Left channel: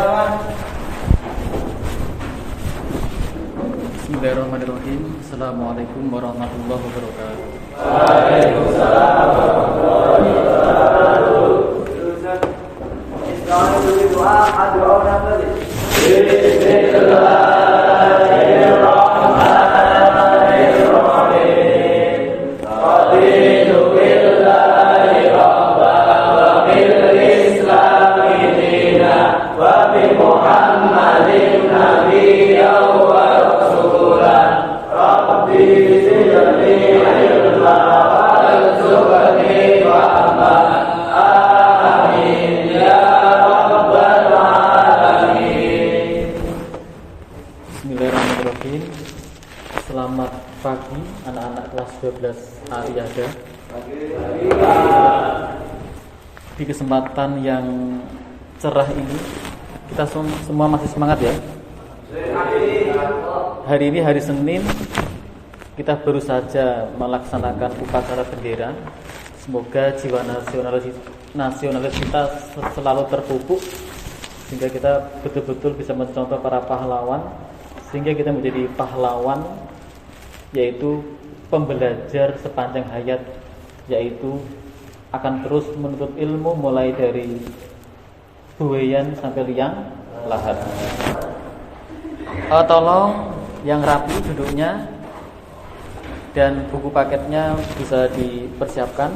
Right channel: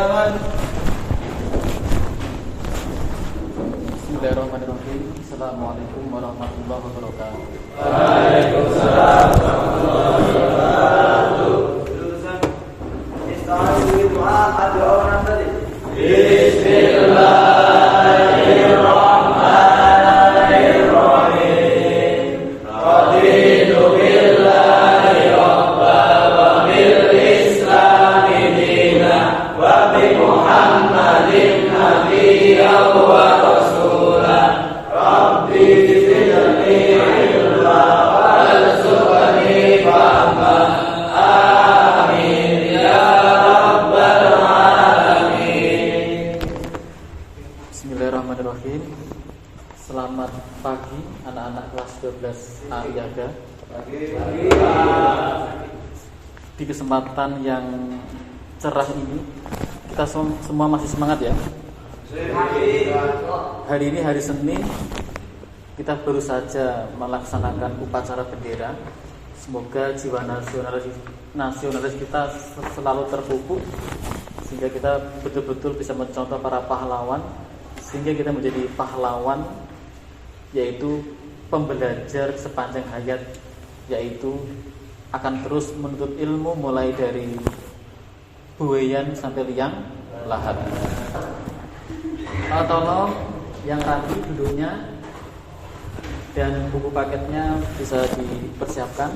Bismillahirrahmanirrahim. Assalamualaikum warahmatullahi wabarakatuh. Waalaikumsalam warahmatullahi wabarakatuh. Bismillahirrahmanirrahim. Raditu billahi rabba wa bil islami dina wa bi Muhammadin nabiyyan wa rasulan. Rabbi zidni ilma warzuqni fahma. Amin ya rabbal alamin. Bismillahirrahmanirrahim. Selamat pagi anak-anak kelas 12 Ariyada. Di kesempatan yang cerah ini kita semua masih semangat ya. Hari ini hari Senin, kita baru saja melaksanakan upacara bendera. Semoga jiwa nasionalis kita selalu terpupuk sehingga kita betul-betul bisa mencontoh para pahlawan, sehingga kita menjadi pahlawan, yaitu pembelajar sepanjang hayat, yaitu akan terus menuntut ilmu mulai dari buayan sampai liang lahat. Tolong yang rapi duduknya dan buku paketnya bisa dipersiapkan.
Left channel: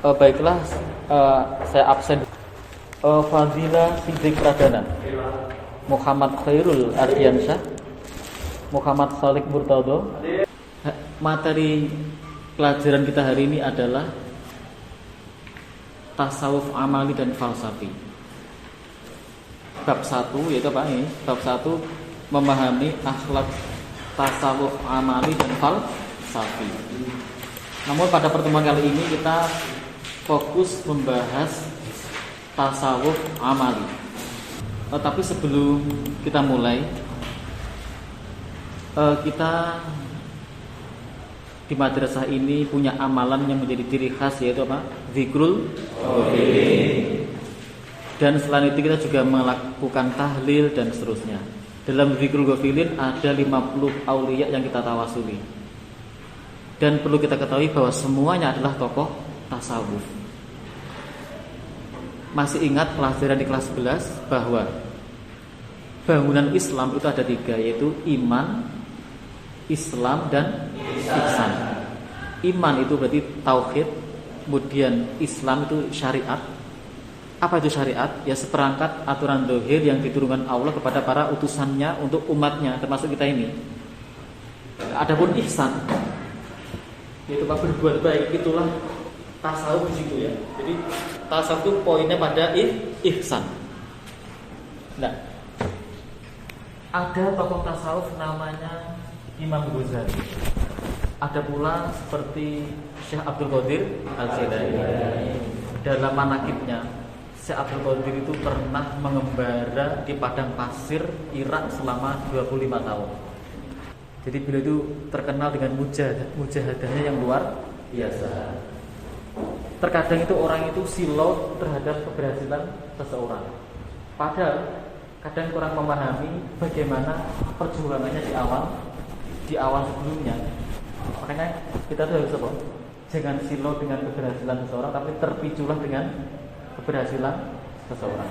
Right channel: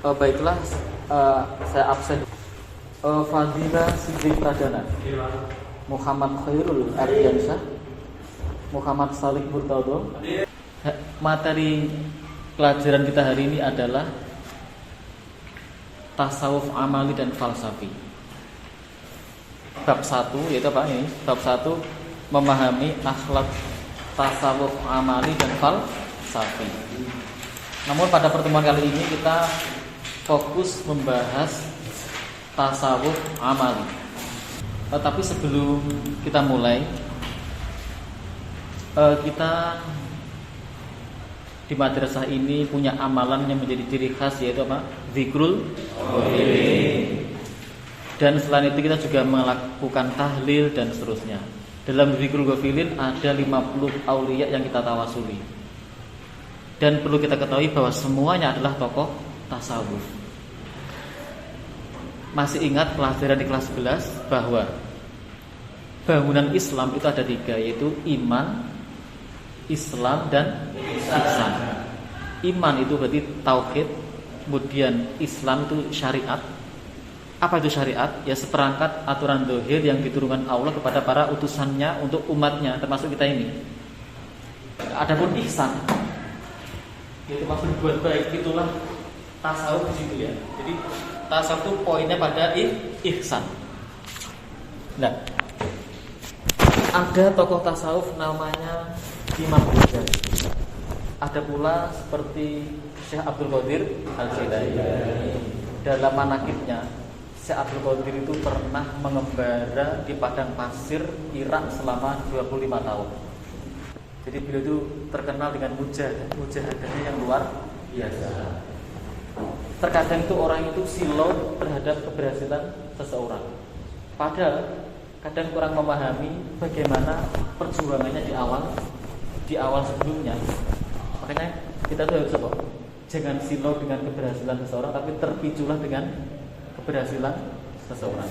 Baiklah, saya absen. Fadila Siddiq Pradana, Muhammad Khairul Ardiansyah, Muhammad Salik Murtado. Materi pelajaran kita hari ini adalah tasawuf amali dan falsafi. Bab 1 yaitu apa ini? Bab 1 memahami akhlak tasawuf amali dan falsafi. Namun pada pertemuan kali ini kita fokus membahas tasawuf amali. Tapi sebelum kita mulai, kita di madrasah ini punya amalan yang menjadi ciri khas, yaitu apa? Zikrul ghafilin. Dan selain itu kita juga melakukan tahlil dan seterusnya. Dalam zikrul ghafilin ada 50 aulia yang kita tawasuli. Dan perlu kita ketahui bahwa semuanya adalah tokoh tasawuf. Masih ingat pelajaran di kelas 11 bahwa bangunan Islam itu ada 3, yaitu iman, Islam, dan ihsan. Iman itu berarti tauhid, kemudian Islam itu syariat. Apa itu syariat? Ya seperangkat aturan zahir yang diturunkan Allah kepada para utusannya untuk umatnya, termasuk kita ini. Adapun ihsan, yaitu berbuat baik, itulah tasawuf di situ ya. Jadi tasawuf itu poinnya pada ihsan. Nah, ada tokoh tasawuf namanya Imam Ghazali. Ada pula seperti Syekh Abdul Qadir Al-Jailani. Dalam manaqibnya, Syekh Abdul Qadir itu pernah mengembara di padang pasir Irak selama 25 tahun. Jadi beliau itu terkenal dengan mujahadahnya yang luar biasa. Terkadang itu orang itu silau terhadap keberhasilan seseorang, padahal kadang kurang memahami bagaimana perjuangannya di awal sebelumnya. Makanya kita tuh harus apa? Jangan silau dengan keberhasilan seseorang, tapi terpiculah dengan keberhasilan seseorang.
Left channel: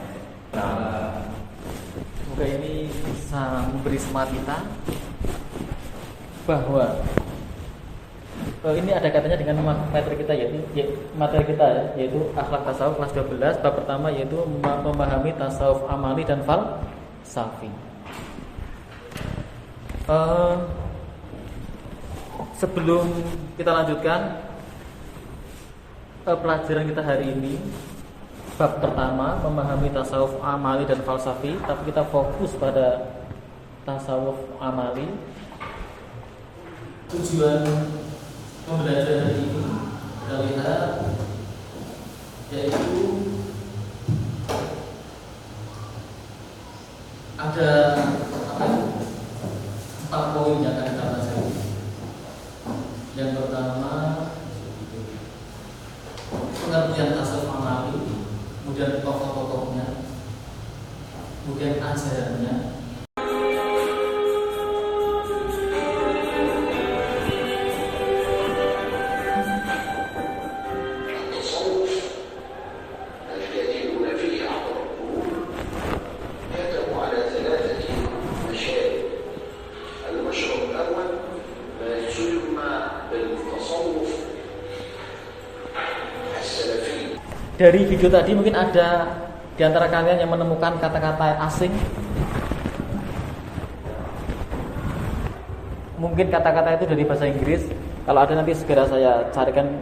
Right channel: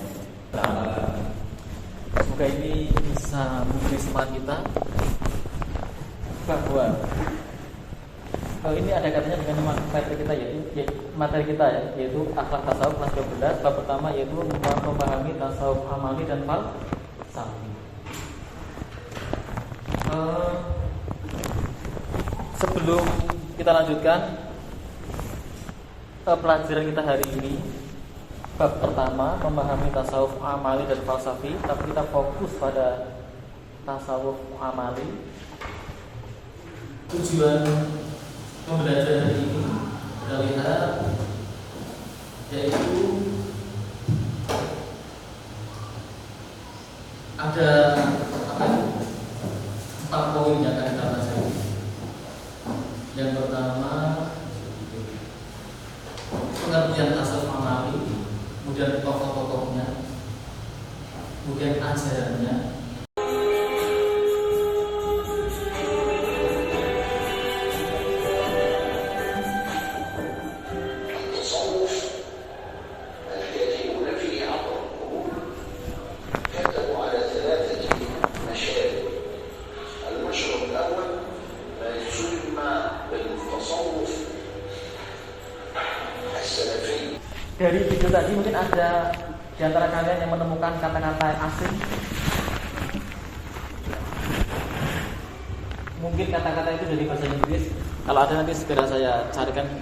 Semoga ini bisa memberi semangat kita bahwa ini ada katanya dengan materi kita, yaitu akhlak tasawuf kelas 12. Bab pertama yaitu memahami tasawuf amali dan falsafi. Sebelum kita lanjutkan pelajaran kita hari ini, bab pertama memahami tasawuf amali dan falsafi, tapi kita fokus pada tasawuf amali. Tujuan pembelajaran ini kita lihat, yaitu ada 4 poin yang akan kita bahas. Yang pertama, pengertian tasawuf amali, kemudian tokoh-tokoh kemudian ajarannya. Dari video tadi mungkin ada di antara kalian yang menemukan kata-kata asing. Mungkin kata-kata itu dari bahasa Inggris. Kalau ada nanti segera saya carikan,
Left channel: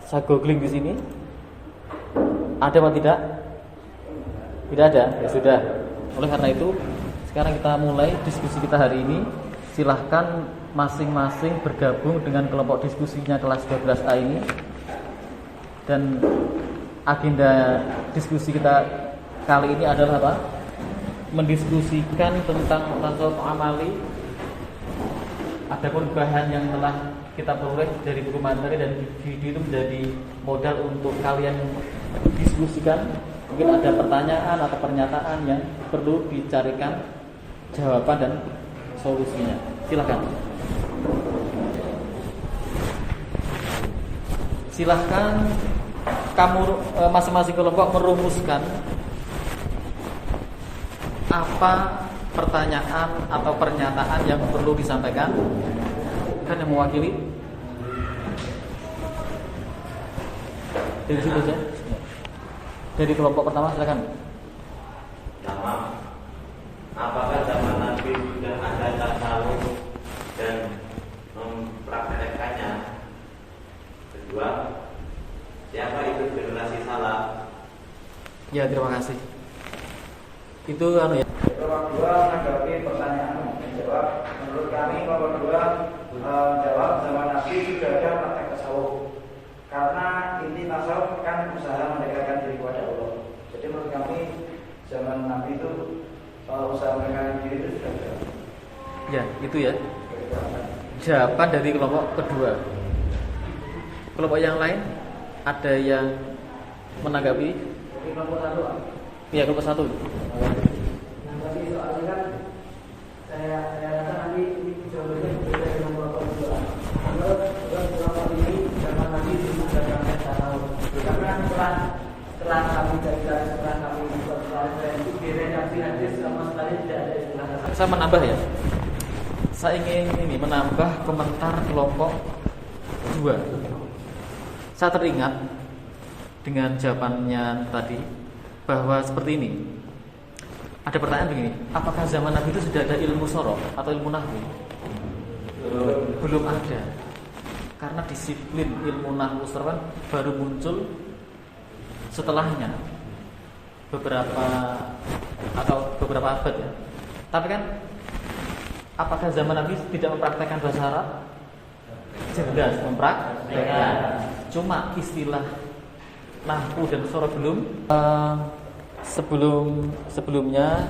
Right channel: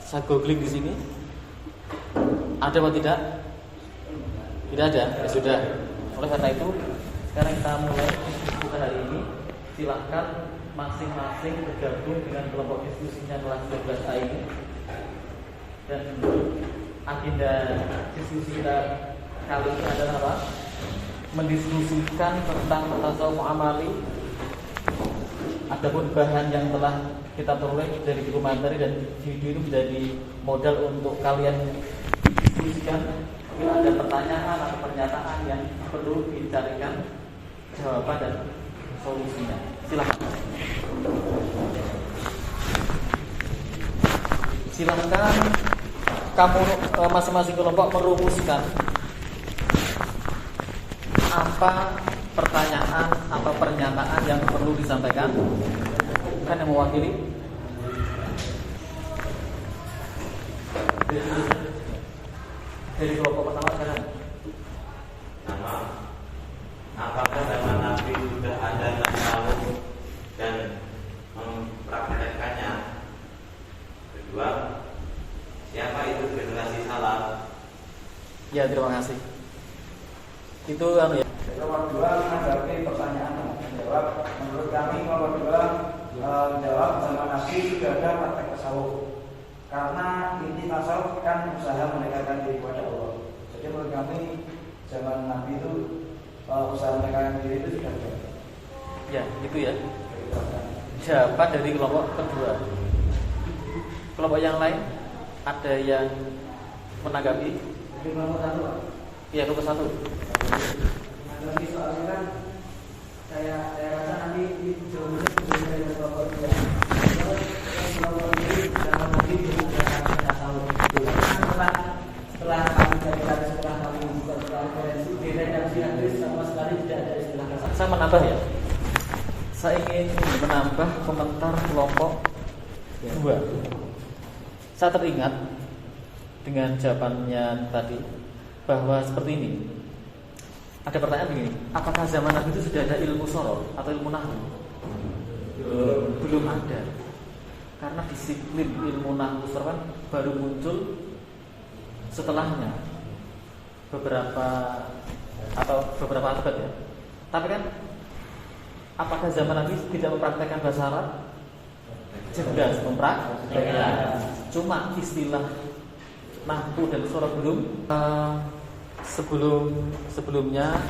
saya googling di sini. Ada atau tidak? Tidak ada. Ya sudah. Oleh karena itu, sekarang kita mulai diskusi kita hari ini. Silahkan masing-masing bergabung dengan kelompok diskusinya kelas 12A ini. Dan agenda diskusi kita kali ini adalah apa? Mendiskusikan tentang tasawuf amali. Ada perubahan yang telah kita peroleh dari guru materi dan video itu menjadi modal untuk kalian diskusikan. Mungkin ada pertanyaan atau pernyataan yang perlu dicarikan jawaban dan solusinya. Silakan. Silakan kamu masing-masing kelompok merumuskan apa pertanyaan atau pernyataan yang perlu disampaikan. Kan yang mewakili dari situ saja. Dari kelompok pertama silakan. Pertama, apakah zaman Nabi sudah ada tasawuf dan mempraktekkannya? Kedua, siapa itu generasi salaf? Ya, terima kasih. Itu ya. Nomor 2 menanggapi pertanyaan menjawab. Menurut kami nomor 2 menjawab zaman Nabi sudah ada praktek tasawuf. Karena inti tasawuf kan usaha mendekatkan diri kepada Allah. Jadi menurut kami zaman Nabi itu usaha mendekatkan diri itu sudah ada. Ya, itu ya. Jawaban dari kelompok kedua. Kelompok yang lain ada yang menanggapi? Jadi kelompok satu. Iya, kelompok satu. Menanggapi soal ini kan saya rasa nanti jawabannya berbeda dengan kelompok dua. Terus kelompok ini zaman Nabi itu sudah ada tasawuf. Karena setelah kami cari-cari, setelah kami buka referensi, bedanya hadis sama sekali tidak ada istilah tasawuf. Saya menambah ya. Saya ingin menambah komentar kelompok dua. Saya teringat dengan jawabannya tadi bahwa seperti ini. Ada pertanyaan begini, apakah zaman Nabi itu sudah ada ilmu sorof atau ilmu nahwu? Belum ada. Karena disiplin ilmu nahwu sorof baru muncul setelahnya beberapa abad ya. Tapi kan apakah zaman Nabi tidak mempraktekkan bahasa Arab? Jelas mempraktekkan. Cuma istilah nahwu dan sorof belum. Sebelumnya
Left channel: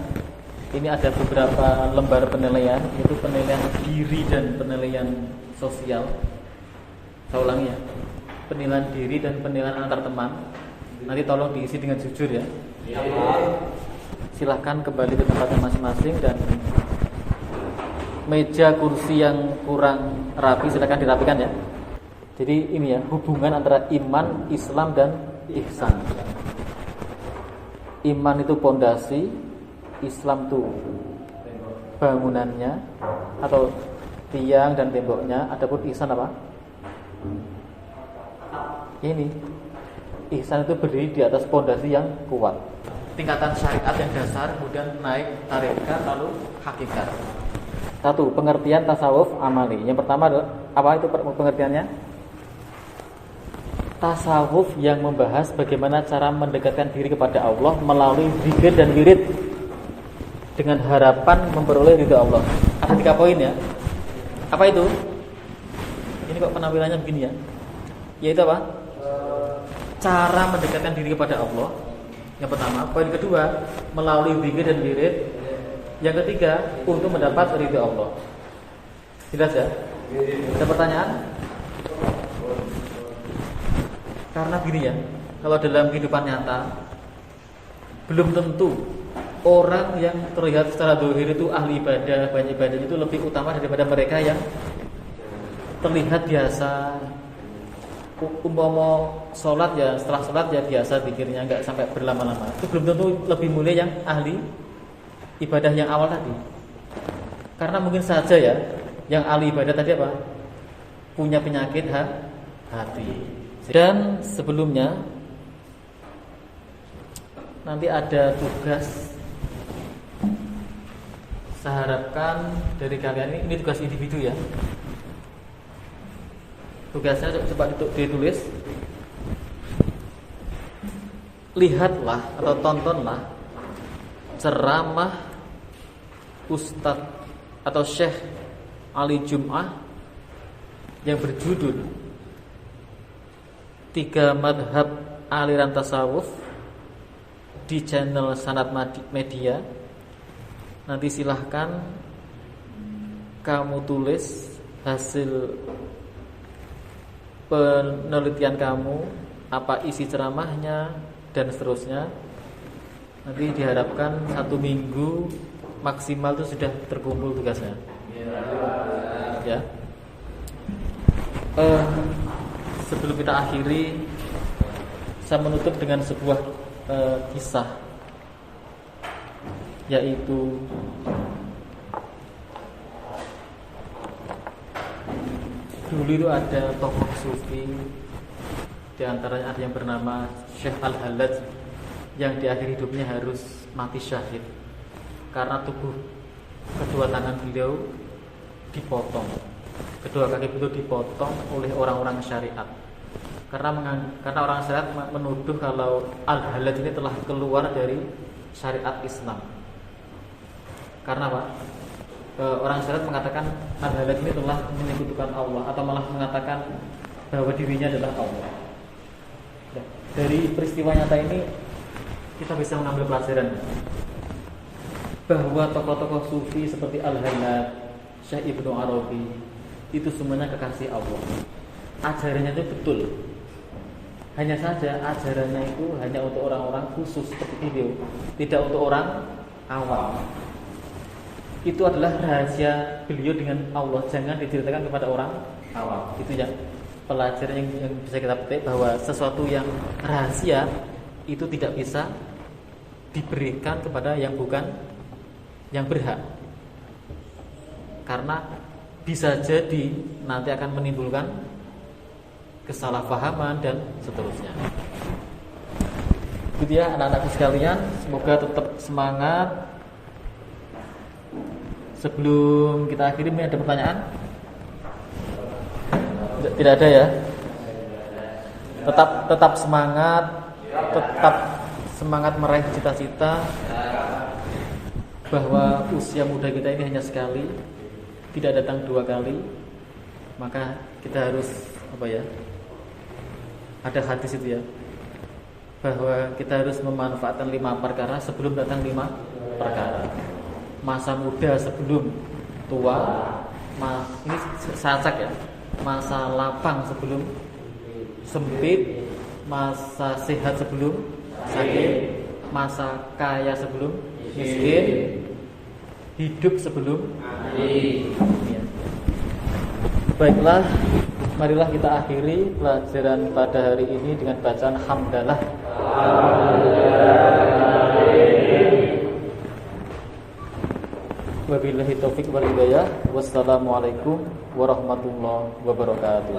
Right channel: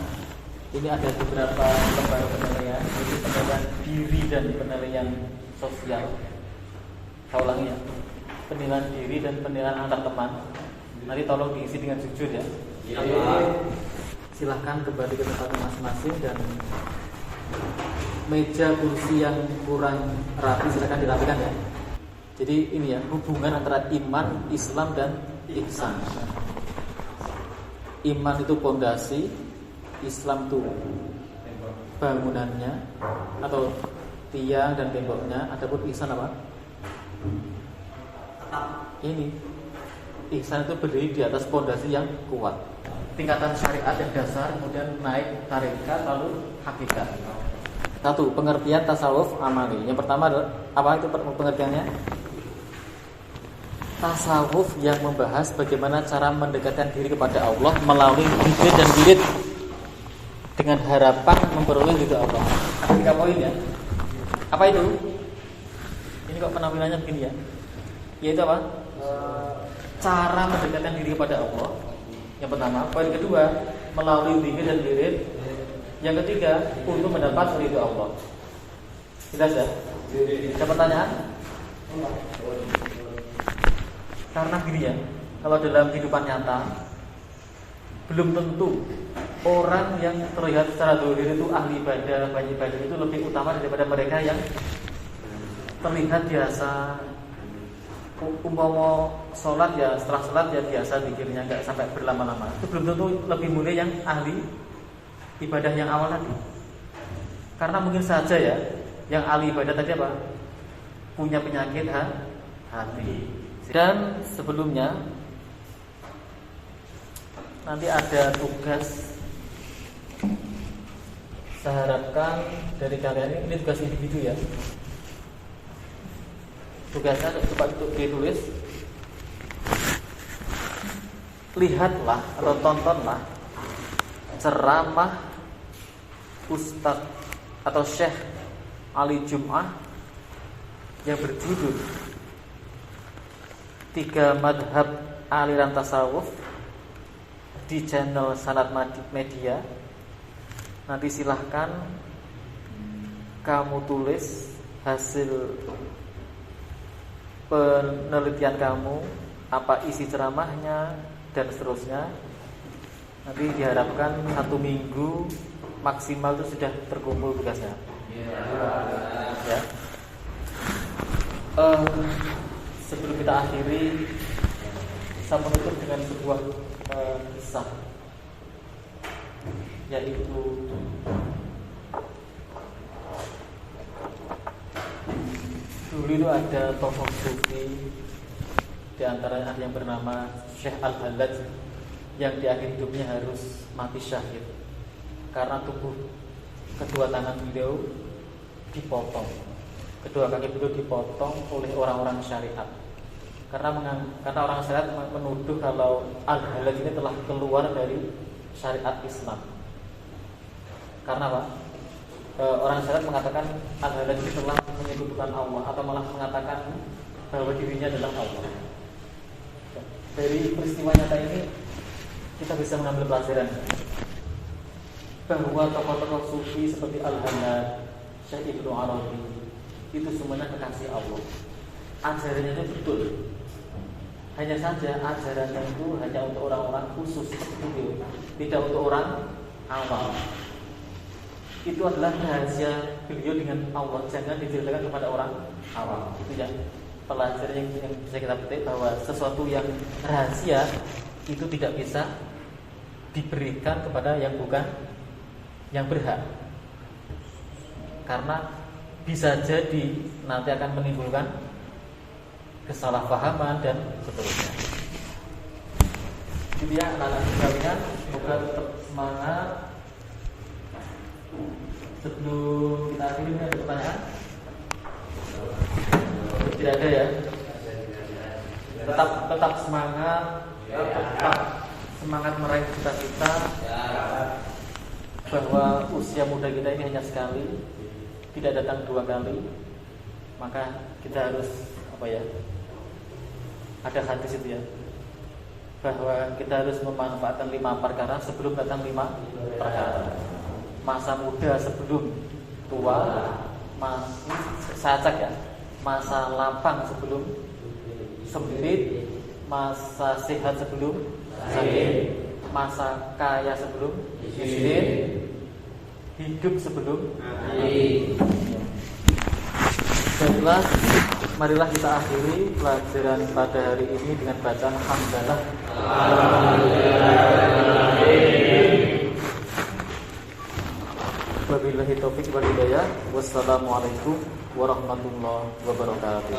ini ada beberapa lembar penilaian, yaitu penilaian diri dan penilaian sosial. Saya ulangi ya, penilaian diri dan penilaian antar teman. Nanti tolong diisi dengan jujur ya. Silahkan kembali ke tempatnya masing-masing dan meja kursi yang kurang rapi silahkan dirapikan ya. Jadi ini ya, hubungan antara iman, Islam dan ihsan. Iman itu pondasi, Islam itu bangunannya atau tiang dan temboknya, ataupun ihsan apa? Ini ihsan itu berdiri di atas pondasi yang kuat. Tingkatan syariat yang dasar, kemudian naik tarekat, lalu hakikat. Satu, pengertian tasawuf amali. Yang pertama adalah apa itu pengertiannya? Tasawuf yang membahas bagaimana cara mendekatkan diri kepada Allah melalui zikir dan wirid dengan harapan memperoleh ridha Allah. Ada 3 poin ya. Apa itu? Ini kok penampilannya begini ya. Yaitu apa? Cara mendekatkan diri kepada Allah. Yang pertama. Poin kedua, melalui zikir dan wirid. Yang ketiga, untuk mendapat ridha Allah. Jelas ya? Ada pertanyaan? Karena gini ya, kalau dalam kehidupan nyata belum tentu orang yang terlihat secara zahir itu ahli ibadah, banyak ibadah itu lebih utama daripada mereka yang terlihat biasa. Umpama sholat ya, setelah sholat ya biasa zikirnya, nggak sampai berlama-lama. Itu belum tentu lebih mulia yang ahli ibadah yang awal tadi. Karena mungkin saja ya, yang ahli ibadah tadi apa? Punya penyakit hati. Dan sebelumnya nanti ada tugas. Saya harapkan dari kalian ini tugas individu ya. Tugasnya coba ditulis. Lihatlah atau tontonlah ceramah Ustadz atau Syekh Ali Jum'ah yang berjudul 3 Madhab Aliran Tasawuf di channel Sanad Media. Nanti silahkan kamu tulis hasil penelitian kamu, apa isi ceramahnya dan seterusnya. Nanti diharapkan 1 minggu maksimal itu sudah terkumpul tugasnya. Ya. Sebelum kita akhiri, saya menutup dengan sebuah kisah, yaitu dulu itu ada tokoh sufi, di antaranya ada yang bernama Syekh Al-Halaj, yang di akhir hidupnya harus mati syahid karena tubuh kedua tangan beliau dipotong, kedua kaki beliau dipotong oleh orang-orang syariat. Karena orang syariat menuduh kalau Al-Halaj ini telah keluar dari syariat Islam. Karena apa? Orang syariat mengatakan Al-Halaj ini telah menyebutkan Allah, atau malah mengatakan bahwa dirinya adalah Allah. Dari peristiwa nyata ini kita bisa mengambil pelajaran bahwa tokoh-tokoh sufi seperti Al-Halaj, Syekh Ibnu Arabi itu semuanya kekasih Allah. Ajarannya itu betul. Hanya saja ajarannya itu hanya untuk orang-orang khusus seperti beliau, tidak untuk orang awam. Itu adalah rahasia beliau dengan Allah, jangan diceritakan kepada orang awam. Itu yang pelajaran yang bisa kita petik, bahwa sesuatu yang rahasia itu tidak bisa diberikan kepada yang bukan yang berhak, karena bisa jadi nanti akan menimbulkan kesalahpahaman dan seterusnya. Jadi ya anak-anak sekalian, semoga tetap semangat. Sebelum kita akhiri, ada pertanyaan? Tidak ada ya. Tetap semangat, tetap semangat meraih cita-cita, bahwa usia muda kita ini hanya sekali, tidak datang 2 kali. Maka kita harus ada hadis itu ya, bahwa kita harus memanfaatkan 5 perkara sebelum datang 5 perkara. Masa muda sebelum tua, ini sacak ya. Masa lapang sebelum sempit, masa sehat sebelum sakit, masa kaya sebelum miskin, hidup sebelum mati. Baiklah, marilah kita akhiri pelajaran pada hari ini dengan bacaan hamdalah. Wabillahi taufiq wal hidayah. Wassalamualaikum warahmatullahi wabarakatuh.